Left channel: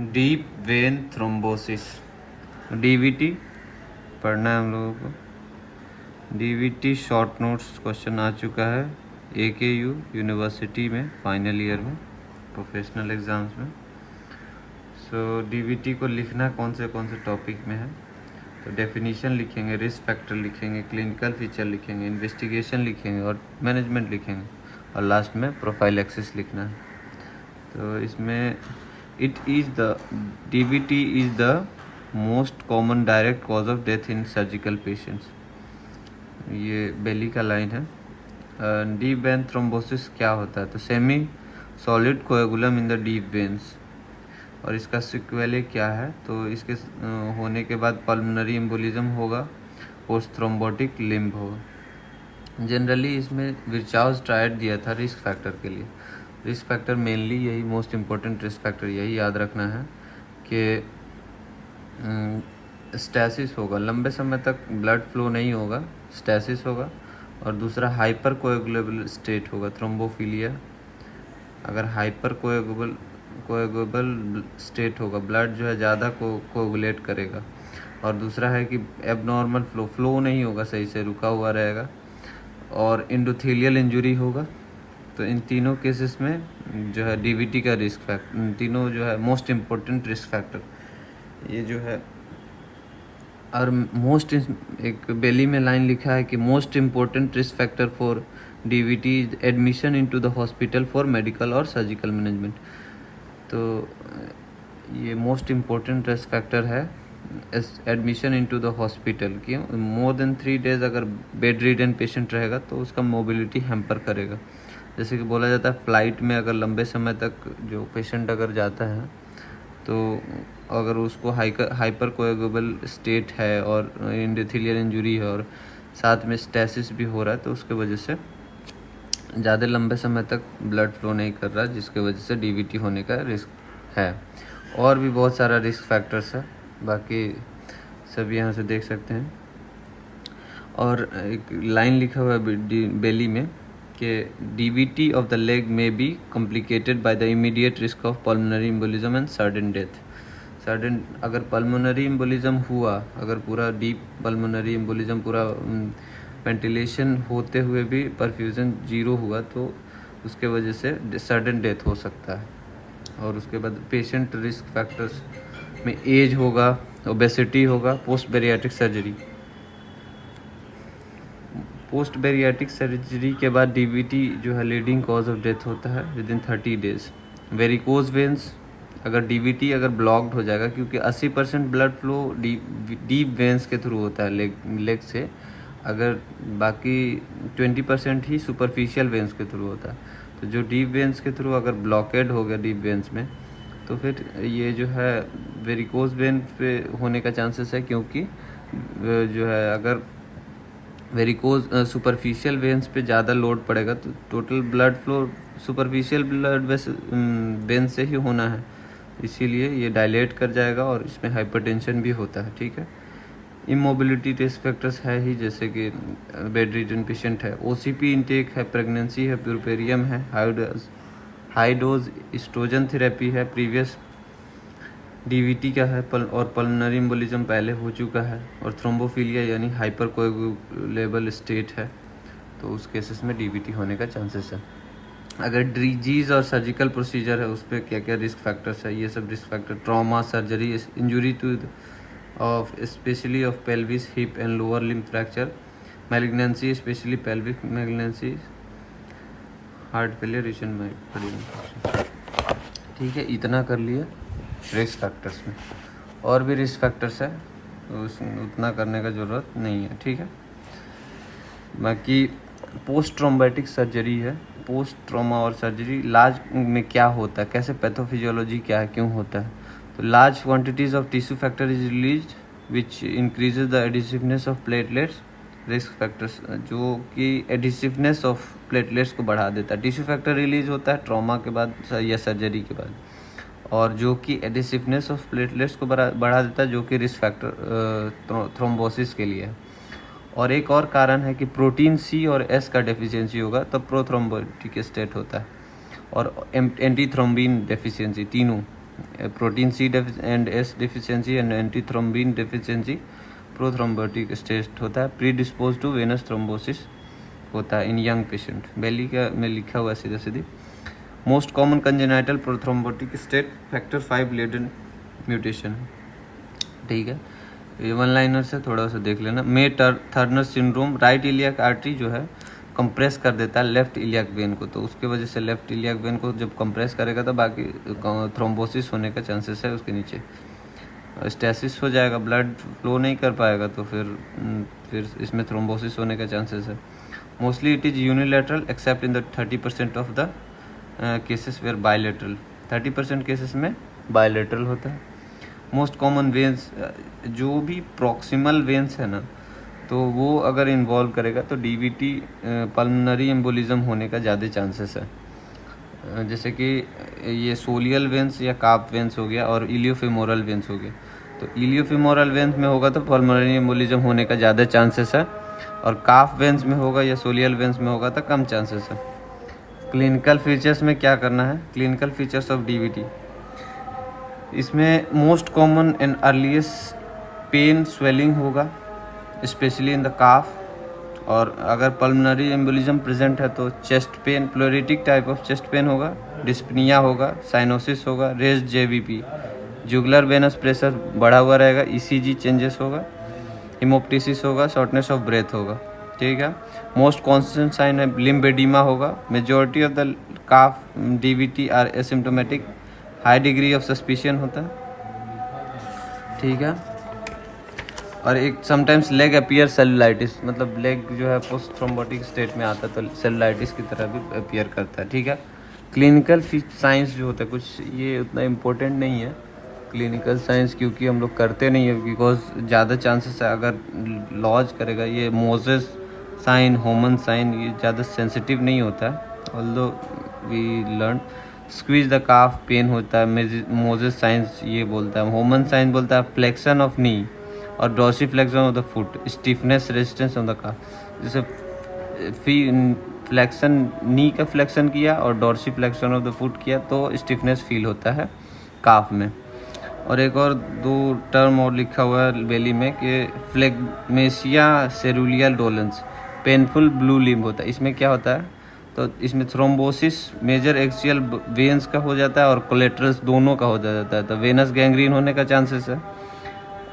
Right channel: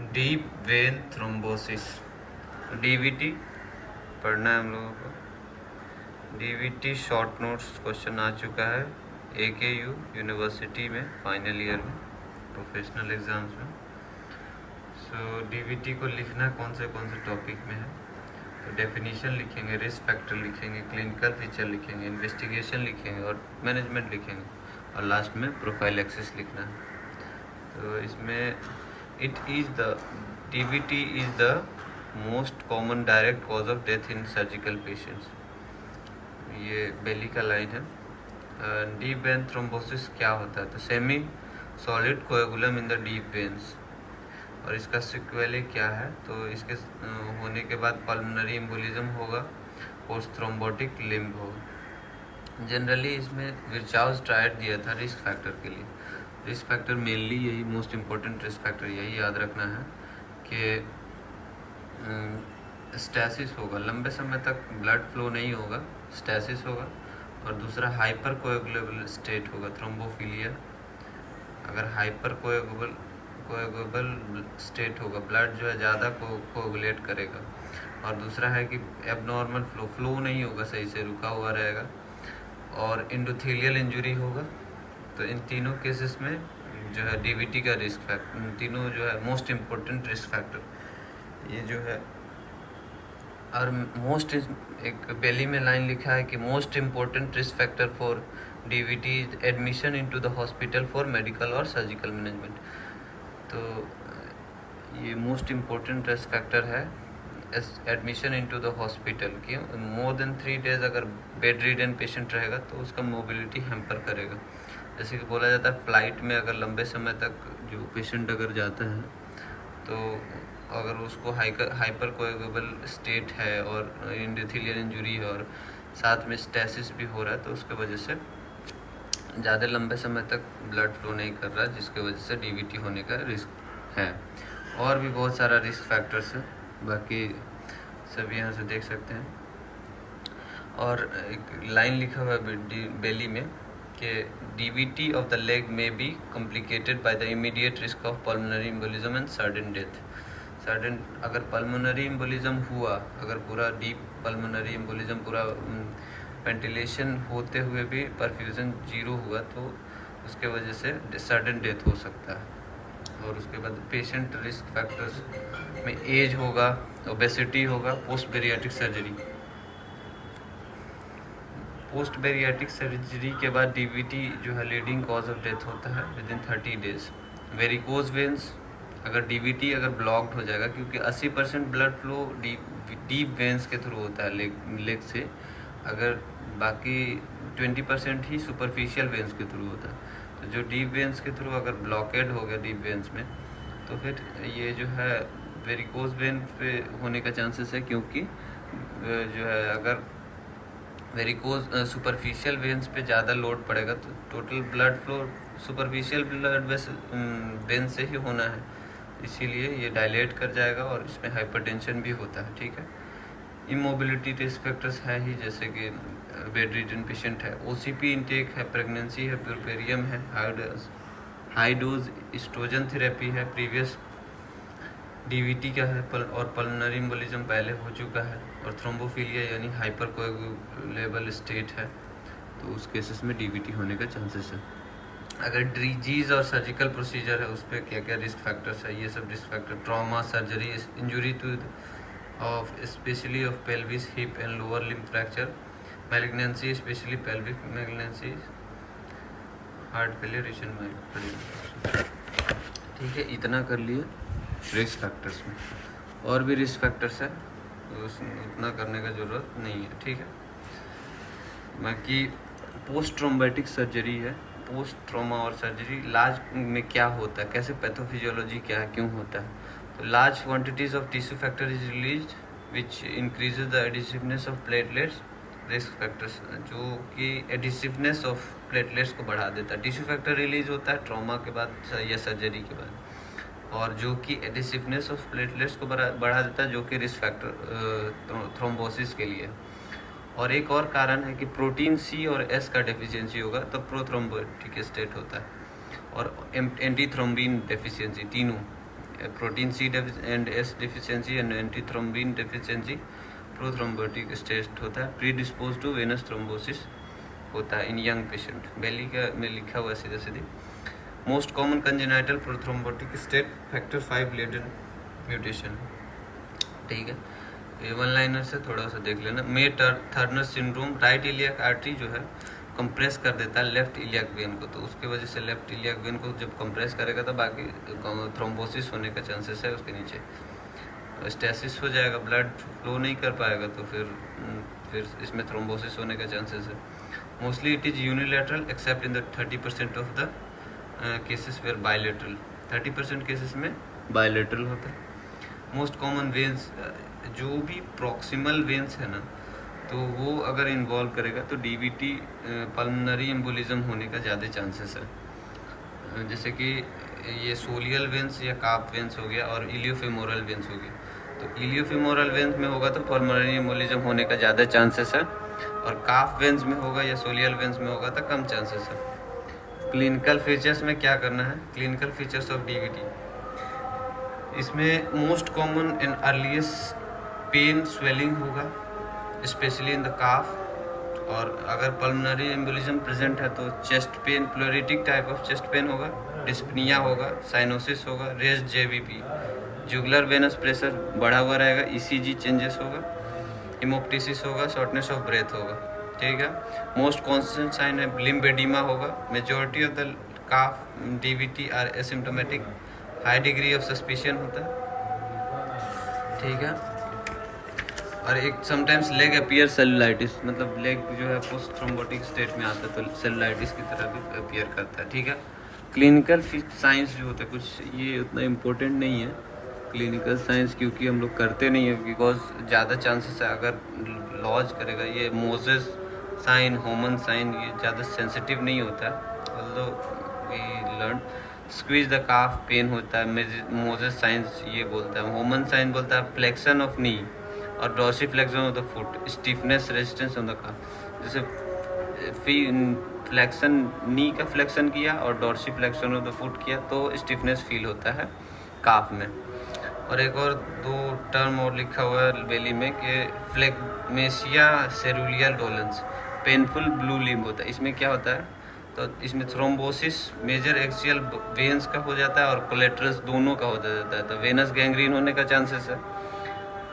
Deep vein thrombosis, DVT पढ़ना है हम लोगों को। डीवीटी शॉर्ट नोट्स क्वेश्चन आ चुका है AKU यूनिवर्सिटी में फाइनल ईयर में प्रोफेशनल एग्ज़ाम्स में। सो डीवीटी को लिखना कौन से टॉपिक में है, तो डेफिनीशन लिखेंगे, रिस्क फैक्टर लिखेंगे, क्लिनिकल फीचर लिखेंगे, इन्वेस्टिगेशन लिखेंगे और मैनेजमेंट लिखेंगे और लास्ट में प्रोफाइलैक्सिस लिखना है। तो इसमें DVT is the most common direct cause of death in surgical patients. ये बेली का लाइन है। डीप वेन थ्रोम्बोसिस क्या होता है, तो semi solid कोएगुलम in the deep veins, और इसका सिक्वेले क्या है, तो इसके होने के बाद पल्मोनरी एम्बोलिज्म होगा, पोस्ट थ्रोम्बोटिक लिम्ब होगा। जनरली इसमें विर्चाउस ट्रायड दिया था रिस्क फैक्टर के लिए। रिस्क फैक्टर मेनली यही मोस्ट इम्पोर्टेंट रिस्क फैक्टर यही याद रखना है कि स्टैसिस होगा, लंबे समय तक ब्लड फ्लो नहीं होगा, स्टैसिस होगा, और दूसरा हाइपर कोएगुलेबल स्टेट होगा, थ्रोम्बोफिलिया। अगर हाइपर कोएगुलेबल स्टेट होगा, ब्लड जो है ज़्यादा कोएगुलेट करेगा, और दूसरा है कि एबनॉर्मल फ्लो नहीं होगा, सही से रुका हुआ रहेगा, और इंडोथेलियल इंजरी होगा। तो इन तीनों केसेस में जो है डीवीटी का रिस्क फैक्टर, तीनों जो है मोस्ट इम्पोर्टेंट रिस्क फैक्टर ये जो है। और मोस्ट एक बेली में लाइन लिखा है कि most important risk factor for DVT is admission into the hospital for medical और सर्जिकल मैनेजमेंट। तो ये मोस्ट इम्पोर्टेंट रिस्क फैक्टर है एडमिशन इनटू द हॉस्पिटल की। मोर देन 3 days अगर बेड रिडन पेशेंट रहेगा तो उसका मोबिलिटी हैम्पर करेगा। जैसे कि बोला जाता है फ्लाइट में अगर लंबे समय तक जो पेशेंट अगर जाता है तो अगर उसको हाइपर कोएगुलेबल स्टेट है और इंडोथेलियल इंजरी है और साथ में स्टैसिस भी हो रहा है, तो उसके वजह से ज़्यादा लंबे समय तक ब्लड फ्लो नहीं कर रहा है, जिसके वजह से डीवीटी होने का रिस्क है। और भी बहुत सारा रिस्क फैक्टर्स है, बाकी सब यहाँ से देख सकते हैं। और एक लाइन लिखा हुआ है बेली में कि डीवीटी ऑफ द लेग में be complicated by the immediate risk of pulmonary embolism and sudden death. Sudden अगर पल्मोनरी एम्बोलिज्म हुआ, अगर पूरा डीप पल्मोनरी एम्बोलिज्म पूरा वेंटिलेशन होते हुए भी परफ्यूजन जीरो हुआ, तो उसके वजह से सडन डेथ हो सकता है। और उसके बाद पेशेंट रिस्क फैक्टर्स में एज होगा, ओबेसिटी होगा, post bariatric surgery. Post bariatric surgery के बाद डीवीटी जो है लीडिंग कॉज ऑफ डेथ होता है within 30 days। Varicose veins, अगर डीवीटी अगर ब्लॉक्ड हो जाएगा, क्योंकि 80% ब्लड फ्लो डीप वेंस के थ्रू होता है लेग से, अगर बाकी 20% ही सुपरफिशियल वेंस के थ्रू होता है। तो जो डीप वेंस के थ्रू अगर ब्लॉकेड हो गया डीप वेंस में, तो फिर ये जो है वेरिकोज वेन पे होने का चांसेस है, क्योंकि जो है अगर वेरिकोज सुपरफिशियल वेंस पे ज़्यादा लोड पड़ेगा तो total blood flow superficial blood veins से ही होना है, इसीलिए ये डायलेट कर जाएगा और इसमें हाइपरटेंशन भी होता है। ठीक है, इमोबिलिटी रिस्क फैक्टर्स है ही, जैसे कि बेड रिडन पेशेंट है, ओसीपी इनटेक है, प्रेगनेंसी है, प्यूरपेरियम है, हाई डोज एस्ट्रोजन थेरेपी है, प्रीवियस डीवीटी का है, और पल्मोनरी एम्बोलिज्म पहले हो चुका है, और थ्रोम्बोफिलिया यानी हाइपर कोएगुलेबल स्टेट है, तो उस केसेस में डीवीटी होने का चांसेस है। अगर डिजीज और सर्जिकल प्रोसीजर है, उस पर क्या क्या रिस्क फैक्टर्स है, ये सब risk factor, trauma, surgery, injury two of specially of pelvis, hip and lower limb fracture, malignancy specially pelvic malignancy, heart failure, recent. ठीक है, इतना कर लिया रिस्क फैक्टर्स में। और भी रिस्क फैक्टर्स है, तो उतना करने का ज़रूरत नहीं है। ठीक है, बाकी पोस्ट ट्रॉम्बोटिक सर्जरी है, पोस्ट ट्रॉमा और सर्जरी इलाज में क्या होता है, कैसे पैथोफिजियोलॉजी क्या है, क्यों होता है। तो large quantities of tissue factor is release which increases the adhesiveness of platelets. Risk factors जो कि एडिसिवनेस ऑफ प्लेटलेट्स को बढ़ा देता है। टिश्यू फैक्टर रिलीज होता है ट्रॉमा के बाद या सर्जरी के बाद, और जो कि एडिसिवनेस ऑफ प्लेटलेट्स को बढ़ा देता है, जो कि रिस्क फैक्टर थ्रोम्बोसिस के लिए। और एक और कारण है कि प्रोटीन सी और एस का डेफिशिएंसी होगा तब प्रोथ्रोम्बोटिक स्टेट होता है, और एंटी थ्रोम्बिन डेफिशिएंसी, तीनों protein C and S deficiency and antithrombin deficiency prothrombotic state होता है। Predispose to venous thrombosis होता है इन यंग पेशेंट। बेली का में लिखा हुआ है सीधा सीधी। Most common congenital prothrombotic state factor 5 Leiden mutation. ठीक है, ये वन लाइनर से थोड़ा सा देख लेना। मे थर्नर सिंड्रोम, राइट इलियक आर्टरी जो है कंप्रेस कर देता है लेफ्ट इलियक वेन को, तो उसके वजह से लेफ्ट इलियक वेन को जब कंप्रेस करेगा तो बाकी थ्रोम्बोसिस होने का चांसेस है उसके नीचे, स्टेसिस हो जाएगा, ब्लड फ्लो नहीं कर पाएगा, तो फिर इसमें थ्रोम्बोसिस होने का चांसेस है। Mostly it is unilateral except in the 30% of the cases where bilateral. 30% cases में बायलैटरल होता है। मोस्ट कॉमन वेन्स, जो भी प्रॉक्सिमल वेन्स है ना, तो वो अगर इन्वॉल्व करेगा तो डीवीटी पल्मोनरी एम्बोलिज्म होने का ज़्यादा चांसेस है। जैसे कि ये सोलियल वेन्स या काफ वेन्स हो गया और इलियोफेमोरल वेन्स हो गया। तो इलियोफेमोरल वेन्स में होगा तो पल्मोनरी एम्बोलिज्म होने का ज़्यादा चांसेस है, और काफ वेन्स में होगा या सोलियल वेन्स में होगा तो कम चांसेस है। क्लिनिकल फीचर्स में क्या करना है, क्लिनिकल फीचर्स ऑफ डीवीटी, इसमें most common and earliest pain swelling होगा स्पेशली इन द काफ, और अगर पल्मोनरी एम्बोलिज्म प्रेजेंट है तो chest pain, pleuritic type of chest pain होगा, डिस्पनिया होगा, साइनोसिस होगा, raised JVP, jugular venous pressure बढ़ा हुआ रहेगा, ईसीजी चेंजेस होगा, हिमोप्टिसिस होगा, शॉर्टनेस ऑफ ब्रेथ होगा। ठीक है, मोस्ट कॉन्स्टेंट साइन है लिम्बेडिमा होगा। Majority of the calf DVT are asymptomatic, high degree of suspicion होता है। ठीक है, और एक समटाइम्स लेग अपीयर सेलुलाइटिस, मतलब लेग जो है पोस्ट थ्रोम्बोटिक स्टेट में आता है तो सेलुलाइटिस की तरह भी अपीयर करता है। ठीक है, क्लिनिकल साइंस जो होता है कुछ ये उतना इम्पोर्टेंट नहीं है क्लिनिकल साइंस, क्योंकि हम लोग करते नहीं है, बिकॉज ज़्यादा चांसेस है अगर लॉज करेगा। ये मोजेस साइन, होमन साइन, ये ज़्यादा सेंसिटिव नहीं होता है, although we learn. Squeeze the calf pain होता है, मोजेस साइंस ये बोलता है। होमन साइन बोलता है फ्लेक्शन ऑफ नी और dorsiflexion of the foot, stiffness resistance of the calf. जैसे फ्लेक्शन नी का फ्लेक्शन किया और dorsiflexion of the foot किया तो स्टिफनेस फील होता है काफ में। और एक और दो टर्म और लिखा हुआ है बेली में कि फ्लेगमेशिया सेरुलियल डोलेंस, पेनफुल ब्लू लिम्ब होता है। इसमें क्या होता है, तो इसमें थ्रोम्बोसिस मेजर एक्सियल वेन्स का हो जाता है और कोलेट्रल्स दोनों का हो जाता है, तो वेनस गैंग्रीन होने का चांसेस है।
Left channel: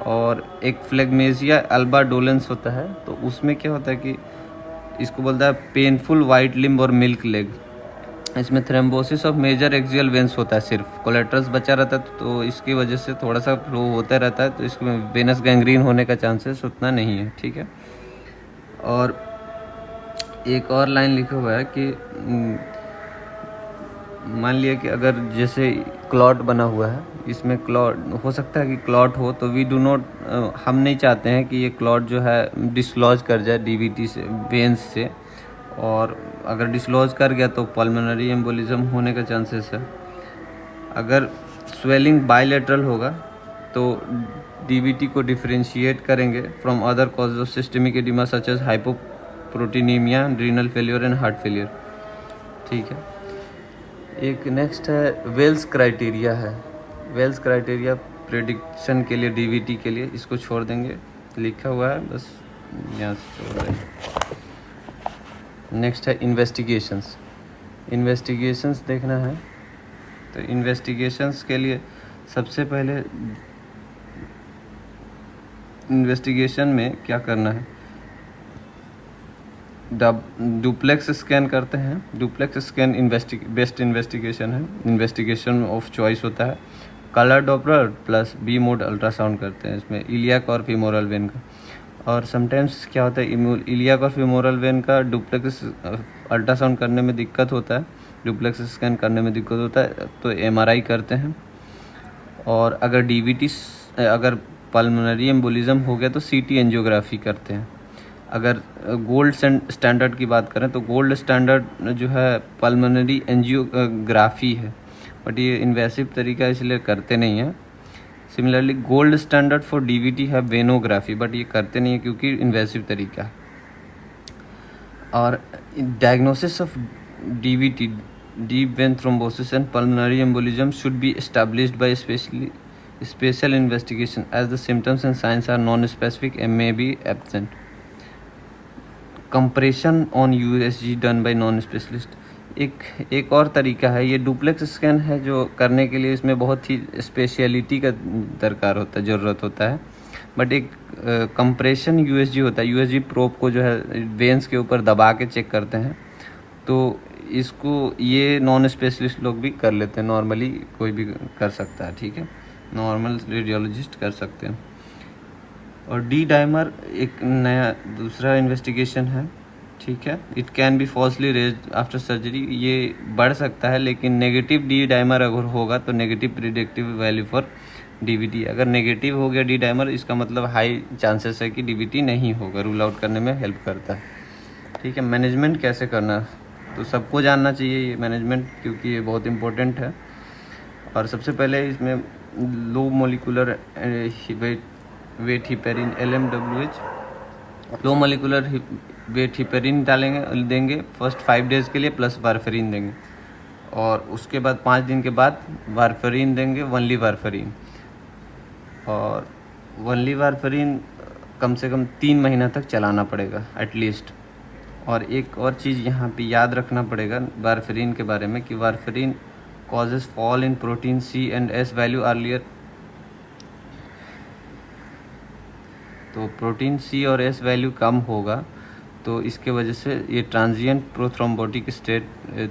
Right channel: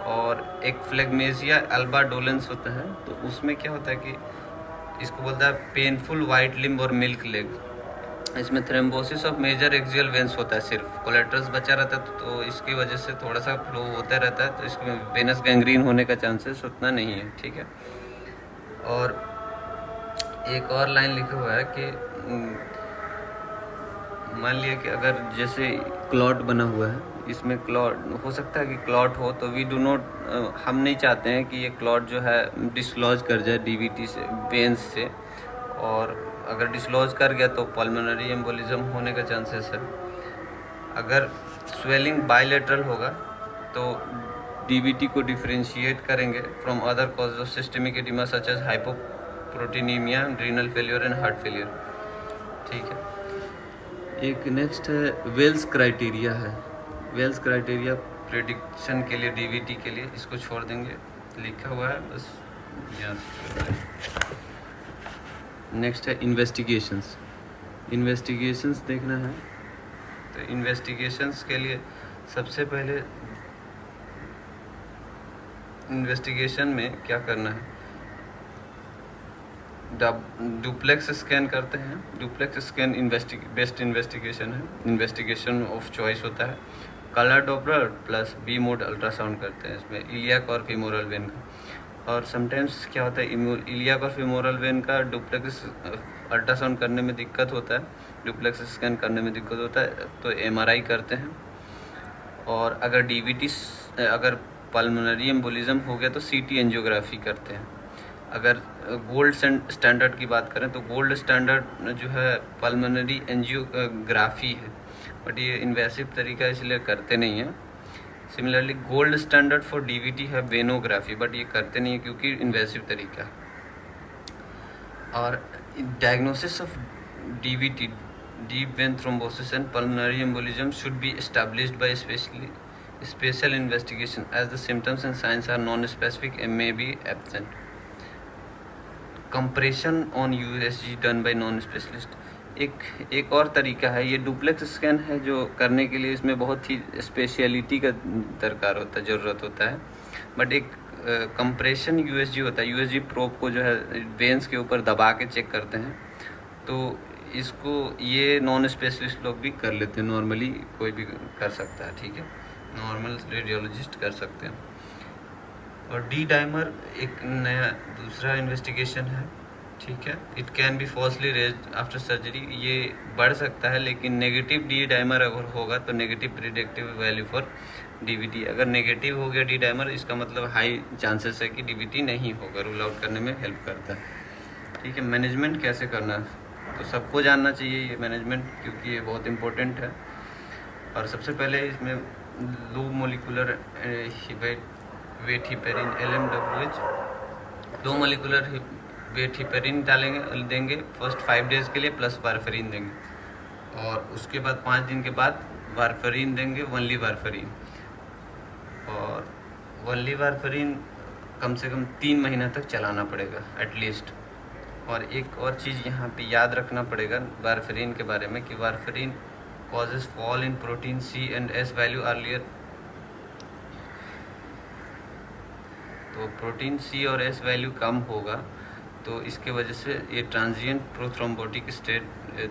और एक फ्लेगमेशिया अल्बा डोलेंस होता है, तो उसमें क्या होता है कि इसको बोलता है पेनफुल वाइट लिम्ब और मिल्क लेग। इसमें thrombosis of major axial veins होता है, सिर्फ कोलेट्रल्स बचा रहता है, तो इसकी वजह से थोड़ा सा फ्लो होता रहता है, तो इसमें वेनस गैंग्रीन होने का चांसेस उतना नहीं है। ठीक है, और एक और लाइन लिखा हुआ है कि मान लिया कि अगर जैसे क्लॉट बना हुआ है, इसमें क्लॉट हो सकता है कि क्लॉट हो, तो वी डू नॉट, हम नहीं चाहते हैं कि ये क्लॉट जो है डिसलॉज कर जाए डीवीटी से, वेन्स से, और अगर डिसलॉज कर गया तो पल्मोनरी एम्बोलिज्म होने का चांसेस है। अगर स्वेलिंग बायलैटरल होगा तो डीवीटी को डिफरेंशिएट करेंगे from other causes of systemic oedema such as hypoproteinaemia, renal failure and heart failure. ठीक है, एक नेक्स्ट है वेल्स क्राइटेरिया है। वेल्स क्राइटेरिया प्रेडिक्शन के लिए डीवीटी के लिए, इसको छोड़ देंगे, लिखा हुआ है बस यहाँ से। नेक्स्ट है इन्वेस्टिगेशंस। इन्वेस्टिगेशंस देखना है, तो इन्वेस्टिगेशंस के लिए सबसे पहले इन्वेस्टिगेशन में क्या करना है, डुप्लेक्स स्कैन करते हैं। डुप्लेक्स स्कैन बेस्ट इन्वेस्टिगेशन है, इन्वेस्टिगेशन ऑफ चॉइस होता है। Colour Doppler plus B mode ultrasound करते हैं इसमें इलियक और फीमोरल वेन का। और समटाइम्स क्या होता है, इलियक और फीमोरल वेन का डुप्लेक्स अल्ट्रासाउंड करने में दिक्कत होता है, डुप्लेक्स स्कैन करने में दिक्कत होता है, तो एमआरआई करते हैं। और अगर डीवीटी, अगर पल्मोनरी एम्बोलिज्म हो गया तो सीटी एंजियोग्राफी करते हैं। अगर गोल्ड स्टैंडर्ड की बात करें तो गोल्ड स्टैंडर्ड जो है पल्मोनरी एंजियोग्राफी है, बट ये इन्वेसिव तरीका इसलिए करते नहीं हैं। Similarly gold standard for DVT है वेनोग्राफी, बट ये करते नहीं है क्योंकि इन्वेसिव तरीका है। और diagnosis of DVT, deep vein thrombosis and pulmonary embolism should be established by special investigation as the symptoms and signs are non-specific and may be absent. Compression on USG done by non-specialist. एक और तरीका है, ये duplex scan है जो करने के लिए इसमें बहुत ही स्पेशलिटी का दरकार होता है, ज़रूरत होता है। बट एक कंप्रेशन यूएसजी होता है, यूएसजी प्रोब को जो है वेंस के ऊपर दबा के चेक करते हैं, तो इसको ये नॉन स्पेशलिस्ट लोग भी कर लेते हैं, नॉर्मली कोई भी कर सकता है, ठीक है, नॉर्मल रेडियोलॉजिस्ट कर सकते हैं। और डी डाइमर एक नया दूसरा इन्वेस्टिगेशन है, ठीक है। It can be falsely raised after surgery, ये बढ़ सकता है, लेकिन नेगेटिव डी डाइमर अगर होगा तो negative predictive value for DVT. अगर नेगेटिव हो गया डी डाइमर, इसका मतलब हाई चांसेस है कि डीवीटी नहीं होगा, रूल आउट करने में हेल्प करता है, ठीक है। मैनेजमेंट कैसे करना, तो सबको जानना चाहिए ये मैनेजमेंट, क्योंकि ये बहुत इम्पोर्टेंट है। और सबसे पहले इसमें लो मोलिकुलर वेट हिपेरिन LMWH, लो मोलिकुलर वेट हिपेरिन देंगे फर्स्ट 5 डेज़ के लिए, प्लस वारफेरिन देंगे, और उसके बाद 5 दिन के बाद वारफेरिन देंगे, वनली वारफेरिन। और वनली वारफेरिन कम से कम 3 महीना तक चलाना पड़ेगा एटलीस्ट। और एक और चीज़ यहाँ पे याद रखना पड़ेगा वारफेरिन के बारे में कि warfarin causes fall in protein C and S value earlier. तो प्रोटीन C और S वैल्यू कम होगा, तो इसके वजह से ये transient prothrombotic state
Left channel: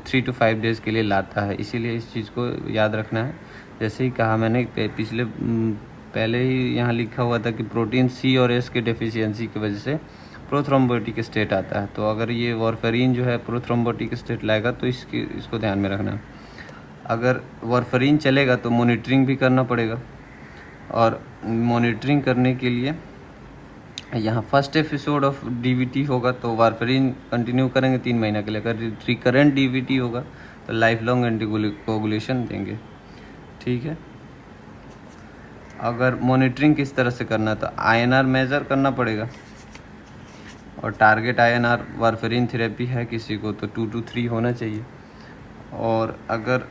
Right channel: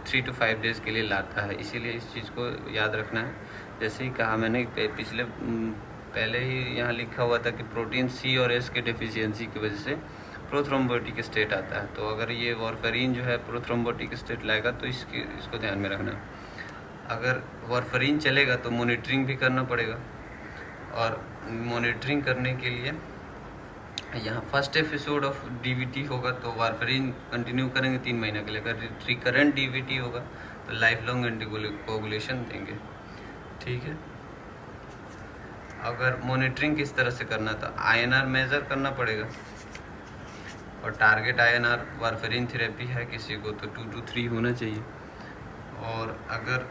3 to 5 days के लिए लाता है, इसीलिए इस चीज़ को याद रखना है। जैसे ही कहा मैंने पहले ही यहाँ लिखा हुआ था कि प्रोटीन C और S के डेफिशिएंसी की वजह से प्रोथ्रोम्बोटिक स्टेट आता है, तो अगर ये वारफेरिन जो है प्रोथ्रोम्बोटिक स्टेट लाएगा तो इसको ध्यान में रखना है। अगर वारफेरिन चलेगा तो मॉनिटरिंग भी करना पड़ेगा, और मॉनिटरिंग करने के लिए यहाँ फर्स्ट एपिसोड ऑफ डीवीटी होगा तो वारफेरिन कंटिन्यू करेंगे 3 महीना के लिए। अगर रिकरेंट डीवीटी होगा तो लाइफ लॉन्ग एंटीकोगुलेशन देंगे, ठीक है। अगर मॉनिटरिंग किस तरह से करना, तो INR मेज़र करना पड़ेगा, और टारगेट INR वारफेरिन थेरेपी है किसी को तो 2 to 3 होना चाहिए। और अगर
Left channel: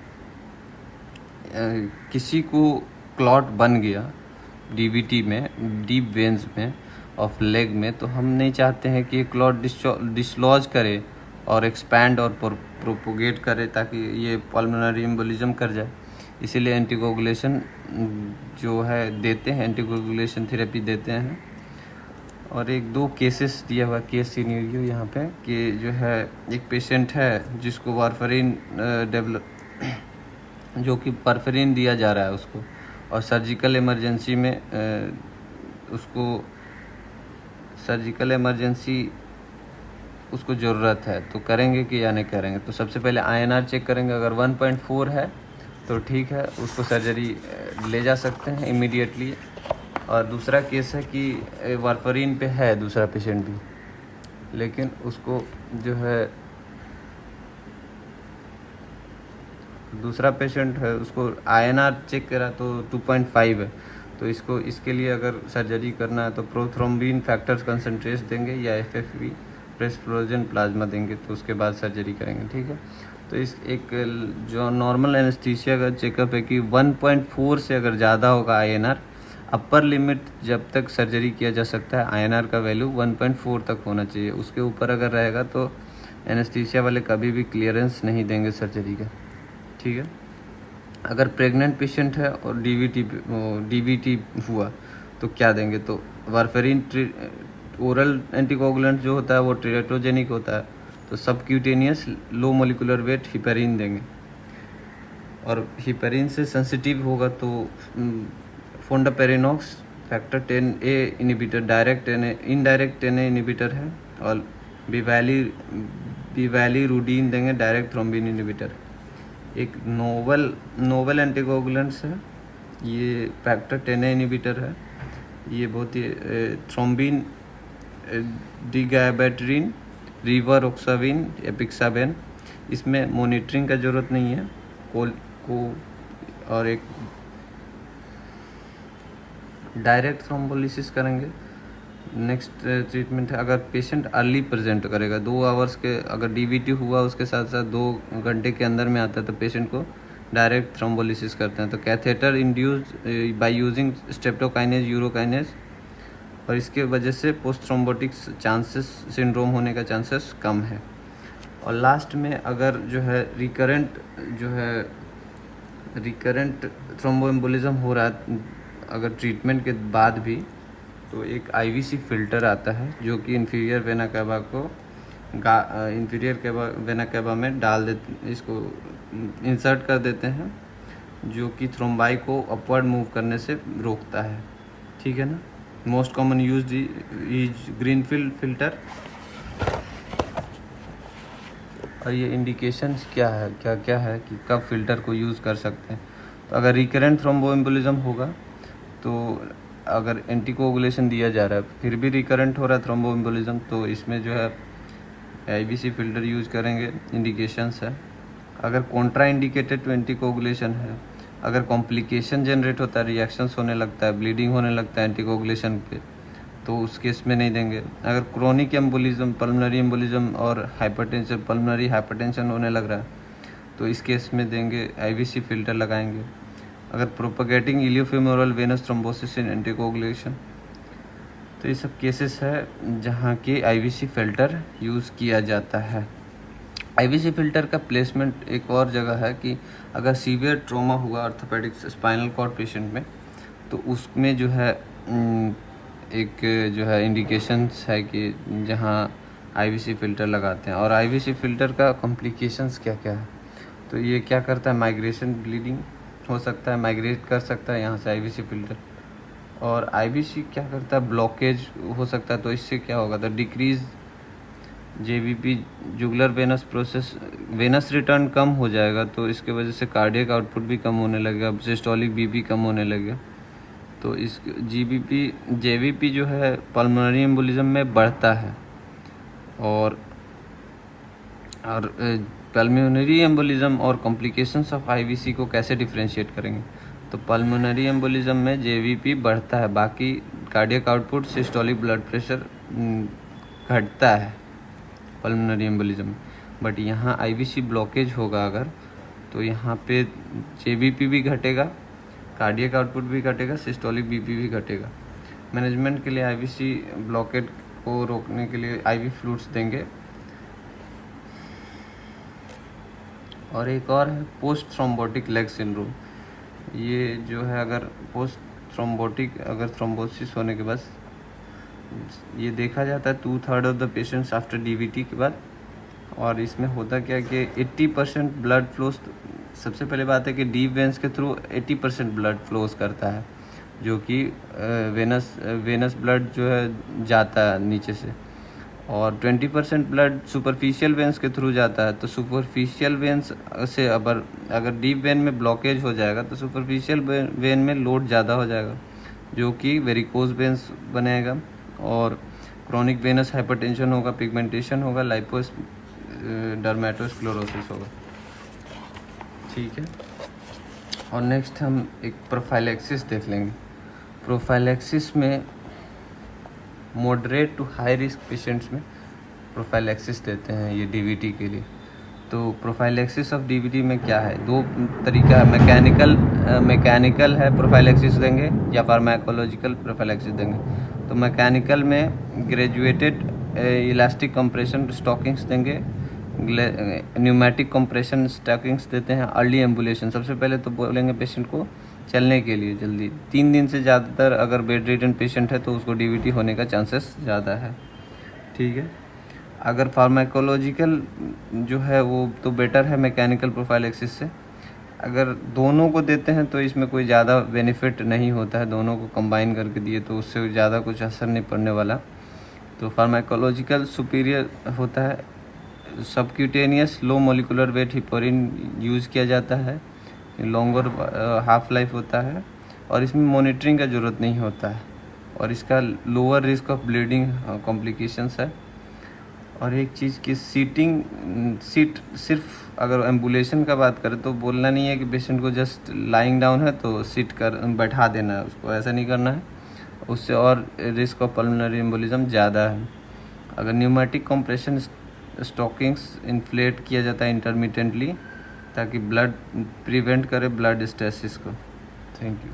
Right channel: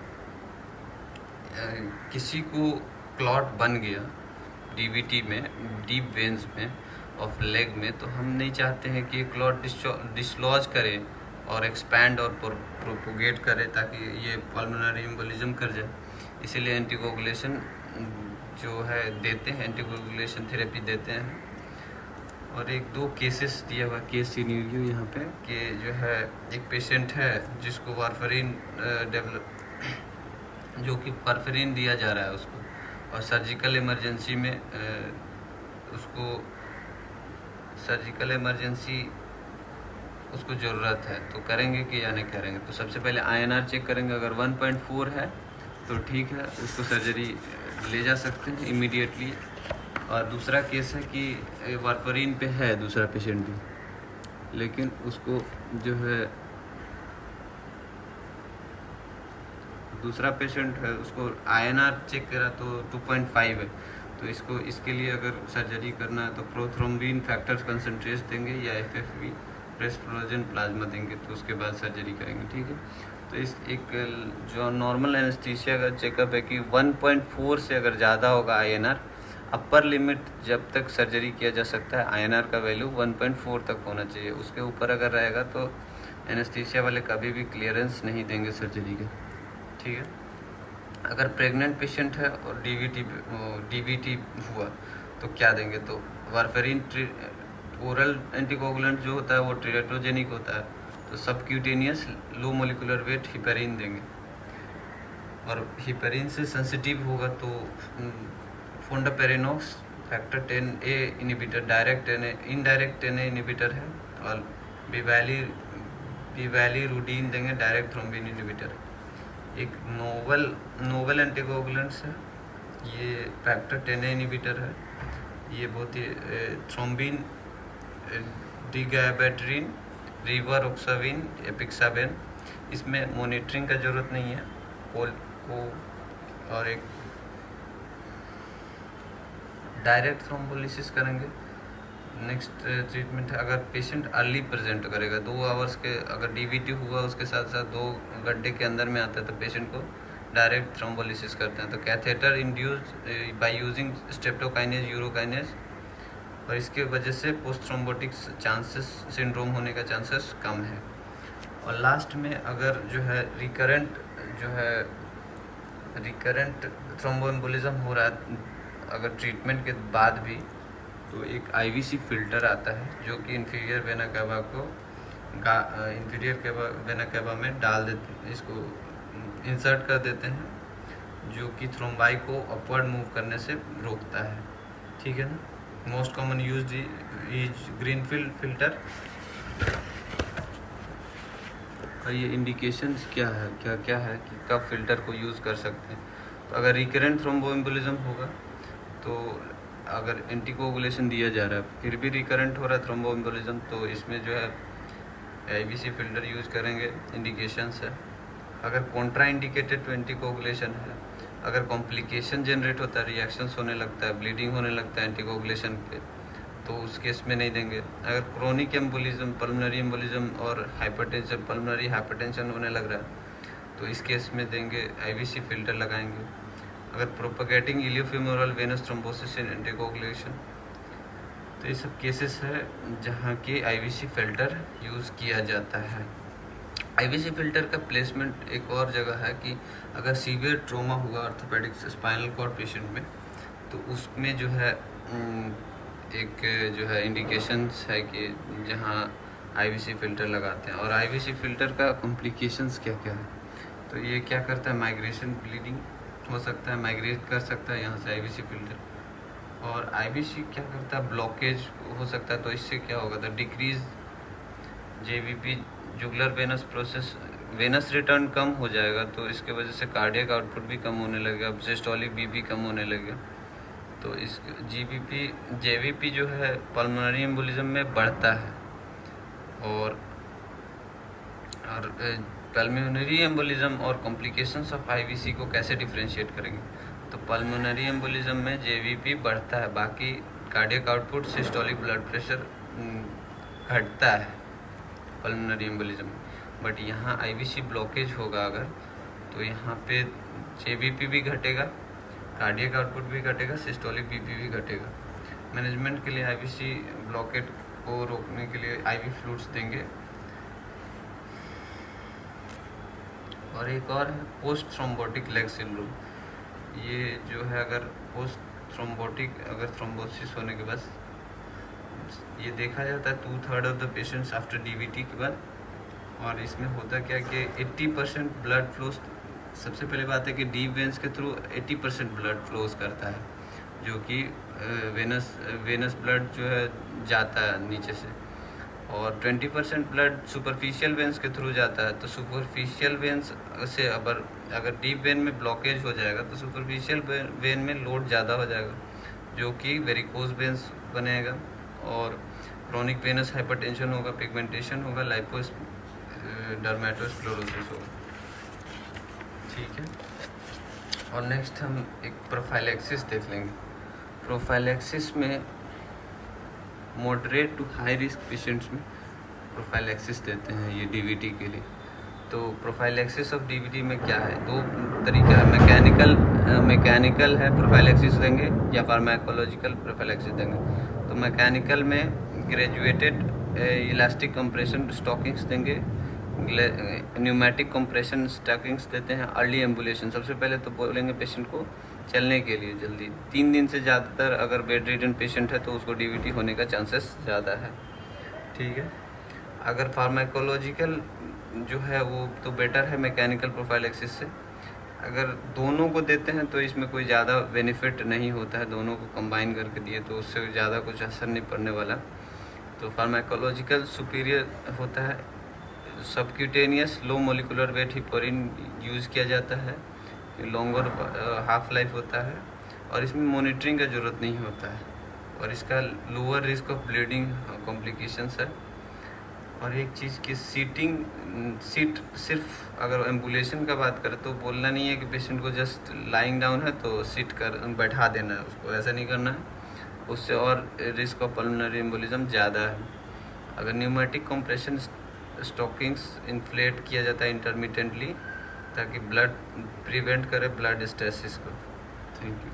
किसी को क्लॉट बन गया डीवीटी में, डीप वेन्स में ऑफ लेग में, तो हम नहीं चाहते हैं कि क्लॉट डिसलॉज करे और एक्सपैंड और प्रोपोगेट करे ताकि ये पल्मोनरी एम्बोलिज्म कर जाए, इसीलिए एंटीकोगुलेशन जो है देते हैं, एंटीकोगुलेशन थेरेपी देते हैं। और 1-2 केसेस दिया हुआ केस सिनेरियो यहाँ पे कि जो है एक पेशेंट है जिसको वारफेरिन जो कि वारफेरिन दिया जा रहा है उसको, और सर्जिकल इमरजेंसी में उसको ज़रूरत है, तो करेंगे कि या नहीं करेंगे। तो सबसे पहले INR चेक करेंगे, अगर 1.4 है तो ठीक है, उसको सर्जरी ले जा सकते हैं इमीडिएटली। और दूसरा केस है कि वारफेरिन पे है दूसरा पेशेंट भी, लेकिन उसको जो है दूसरा पेशेंट है उसको INR चेक करा तो 2.5 है, तो इसके लिए अगर सर्जरी करना है तो प्रोथ्रोम्बिन फैक्टर्स कंसनट्रेट देंगे या FFP फ्रेश फ्रोजन प्लाज्मा देंगे, तो उसके बाद सर्जरी करेंगे, ठीक है। तो इस एक जो नॉर्मल एनेस्थीसिया का चेकअप है कि 1.4 से अगर ज़्यादा होगा INR, अपर लिमिट जब तक सर्जरी किया जा सकता है INR का वैल्यू 1.4 तक होना चाहिए। उसके ऊपर अगर रहेगा तो एनेस्थीसिया वाले कभी भी क्लियरेंस नहीं देंगे सर्जरी का, ठीक है। अगर प्रेग्नेंट पेशेंट है और डीवीटी हुआ तो क्या देंगे, तो वारफेरिन ओरल एंटीकोगुलेंट जो होता है वो टेरेट्रोजेनिक होता है, तो subcutaneous low molecular weight heparin देंगे। और हिपेरिन से सेंसिटिव होगा तो fondaparinux factor 10A inhibitor direct indirect 10A inhibitor है, और बिवैलिरुडीन देंगे, डायरेक्ट थ्रोम्बिन इनिबिटर। एक नोवेल एंटीकोगुलेंट्स है, ये फैक्टर 10A इनिबिटर है, ये बहुत ही थ्रोम्बिन डिगायबेटरिन, रिवारोक्साविन, एपिक्साबेन। इसमें मॉनिटरिंग का ज़रूरत नहीं है और एक डायरेक्ट थ्रोम्बोलिसिस करेंगे नेक्स्ट ट्रीटमेंट है, अगर पेशेंट अर्ली प्रेजेंट करेगा 2 आवर्स के, अगर डीवीटी हुआ उसके साथ साथ 2 घंटे के अंदर में आता है तो पेशेंट को डायरेक्ट थ्रोम्बोलिसिस करते हैं। तो catheter induce by using streptokinase urokinase, और इसके वजह से पोस्ट थ्रोम्बोटिक चांसेस सिंड्रोम होने का चांसेस कम है। और लास्ट में अगर जो है रिकरेंट थ्रोम्बोएम्बोलिज्म हो रहा है अगर ट्रीटमेंट के बाद भी, तो एक आईवीसी फिल्टर आता है जो कि इंफीरियर वेना कैवा को वेना कैवा में डाल देते, इसको इंसर्ट कर देते हैं, जो कि थ्रोम्बाई को अपवर्ड मूव करने से रोकता है। ठीक है ना। Most common use is greenfield filter. और ये इंडिकेशंस क्या है कि कब फिल्टर को यूज़ कर सकते हैं। तो अगर रिकरेंट थ्रोम्बोएम्बोलिज्म होगा तो अगर एंटीकोगुलेशन दिया जा रहा है फिर भी रिकरेंट हो रहा है थ्रोम्बोएम्बोलिज्म, तो इसमें जो है आईवीसी फिल्टर यूज़ करेंगे। इंडिकेशंस है, अगर कॉन्ट्रा इंडिकेटेड टू एंटीकोगुलेशन है, अगर कॉम्प्लिकेशन जनरेट होता है, रिएक्शंस होने लगता है, ब्लीडिंग होने लगता है एंटीकोगुलेशन पे, तो उस केस में नहीं देंगे। अगर क्रोनिक एम्बोलिज्म, पल्मोनरी एम्बोलिज्म और हाइपरटेंशन, पल्मोनरी हाइपरटेंशन होने लग रहा है तो इस केस में देंगे आईवीसी फिल्टर लगाएंगे। अगर प्रोपगेटिंग इलियोफेमोरल वेनस थ्रोम्बोसिस इन एंटीकोगुलेशन, तो ये सब केसेस है जहाँ की आईवीसी फिल्टर यूज़ किया जाता है। आईवीसी फिल्टर का प्लेसमेंट एक और जगह है कि अगर सीवियर ट्रॉमा हुआ ऑर्थोपेडिक स्पाइनल कॉर्ड पेशेंट में, तो उसमें जो है एक जो है इंडिकेशंस है कि जहाँ आईवीसी फिल्टर लगाते हैं। और आईवीसी फिल्टर का कॉम्प्लिकेशंस क्या क्या है, तो ये क्या करता है, माइग्रेशन ब्लीडिंग हो सकता है, माइग्रेट कर सकता है यहाँ से आईवीसी फिल्टर। और आईवीसी क्या करता है, ब्लॉकेज हो सकता है, तो इससे क्या होगा, तो decrease JVP jugular venous process, venous return कम हो जाएगा, तो इसके वजह से कार्डियक आउटपुट भी कम होने लगेगा, सिस्टोलिक बीपी कम होने लगेगा। तो इस जेवीपी जो है पल्मोनरी एम्बोलिज्म में बढ़ता है। और पल्मोनरी एम्बोलिज्म और कॉम्प्लिकेशंस ऑफ आईवीसी को कैसे डिफरेंशिएट करेंगे, तो पल्मोनरी एम्बोलिज्म में जेवीपी बढ़ता है, बाकी cardiac output, systolic blood pressure घटता है पल्मोनरी एम्बोलिज्म। बट यहाँ आईवीसी ब्लॉकेज होगा अगर, तो यहाँ पे जेवीपी भी घटेगा, कार्डियक आउटपुट भी घटेगा, सिस्टोलिक बीपी भी घटेगा। मैनेजमेंट के लिए आईवीसी ब्लॉकेज को रोकने के लिए आईवी फ्लूइड्स देंगे। और एक और है पोस्ट थ्रोम्बोटिक लेग सिंड्रोम। ये जो है अगर पोस्ट थ्रोम्बोटिक, अगर थ्रोम्बोसिस होने के बाद ये देखा जाता है 2/3 of the patients after DVT के बाद। और इसमें होता क्या कि 80% ब्लड फ्लोस, सबसे पहले बात है कि डीप वेंस के थ्रू 80% ब्लड फ्लोस करता है, जो कि वेनस ब्लड जो है जाता है नीचे से, और 20% ब्लड सुपरफिशियल वेंस के थ्रू जाता है। तो सुपरफिशियल वेंस से अगर डीप वेन में ब्लॉकेज हो जाएगा तो सुपरफिशियल वेन में लोड ज़्यादा हो जाएगा, जो कि वेरिकोज वेंस बनेगा, और क्रोनिक वेनस हाइपरटेंशन होगा, पिगमेंटेशन होगा, लाइपोस डर्मेटोस्क्लेरोसिस होगा। ठीक है। और नेक्स्ट हम एक प्रोफाइलैक्सिस देख लेंगे। प्रोफाइलैक्सिस में moderate to high risk patients में प्रोफाइलैक्सिस देते हैं ये डीवीटी के लिए। तो प्रोफाइलैक्सिस ऑफ डीवीटी में क्या है, 2 तरीका है, मैकेनिकल है प्रोफाइलैक्सिस देंगे या फार्माकोलॉजिकल प्रोफाइलैक्सिस देंगे। तो मैकेनिकल में ग्रेजुएटेड इलास्टिक कंप्रेशन स्टॉकिंग्स देंगे, न्यूमेटिक कंप्रेशन स्टॉकिंग्स देते हैं। अर्ली एम्बुलेशन, सबसे पहले तो बोलेंगे पेशेंट को चलने के लिए जल्दी, 3 दिन से ज़्यादातर अगर बेड रिडन पेशेंट है तो उसको डीवीटी होने का चांसेस ज़्यादा है। ठीक है। अगर फार्माकोलॉजिकल जो है वो तो बेटर है मैकेनिकल प्रोफाइलैक्सिस से। अगर दोनों को देते हैं तो इसमें कोई ज़्यादा बेनिफिट नहीं होता है, दोनों को कंबाइन करके दिए तो उससे ज़्यादा कुछ असर नहीं पड़ने वाला। तो फार्माकोलॉजिकल सुपीरियर होता है। Subcutaneous low molecular weight heparin use किया जाता है, लॉन्गर हाफ लाइफ होता है, और इसमें मॉनिटरिंग का ज़रूरत नहीं होता है, और इसका lower risk of bleeding complications है। और एक चीज़ की सीट सिर्फ अगर एम्बुलेशन का बात करें तो बोलना नहीं है कि पेशेंट को जस्ट लाइंग डाउन है तो सीट कर बैठा देना है, उसको ऐसा नहीं करना है। उससे और रिस्क ऑफ पल्मोनरी एम्बोलिज्म ज़्यादा है। अगर न्यूमेटिक कंप्रेशन स्टॉकिंग्स इन्फ्लेट किया जाता है इंटरमिटेंटली ताकि ब्लड प्रिवेंट करे ब्लड स्टेसिस को। Thank you.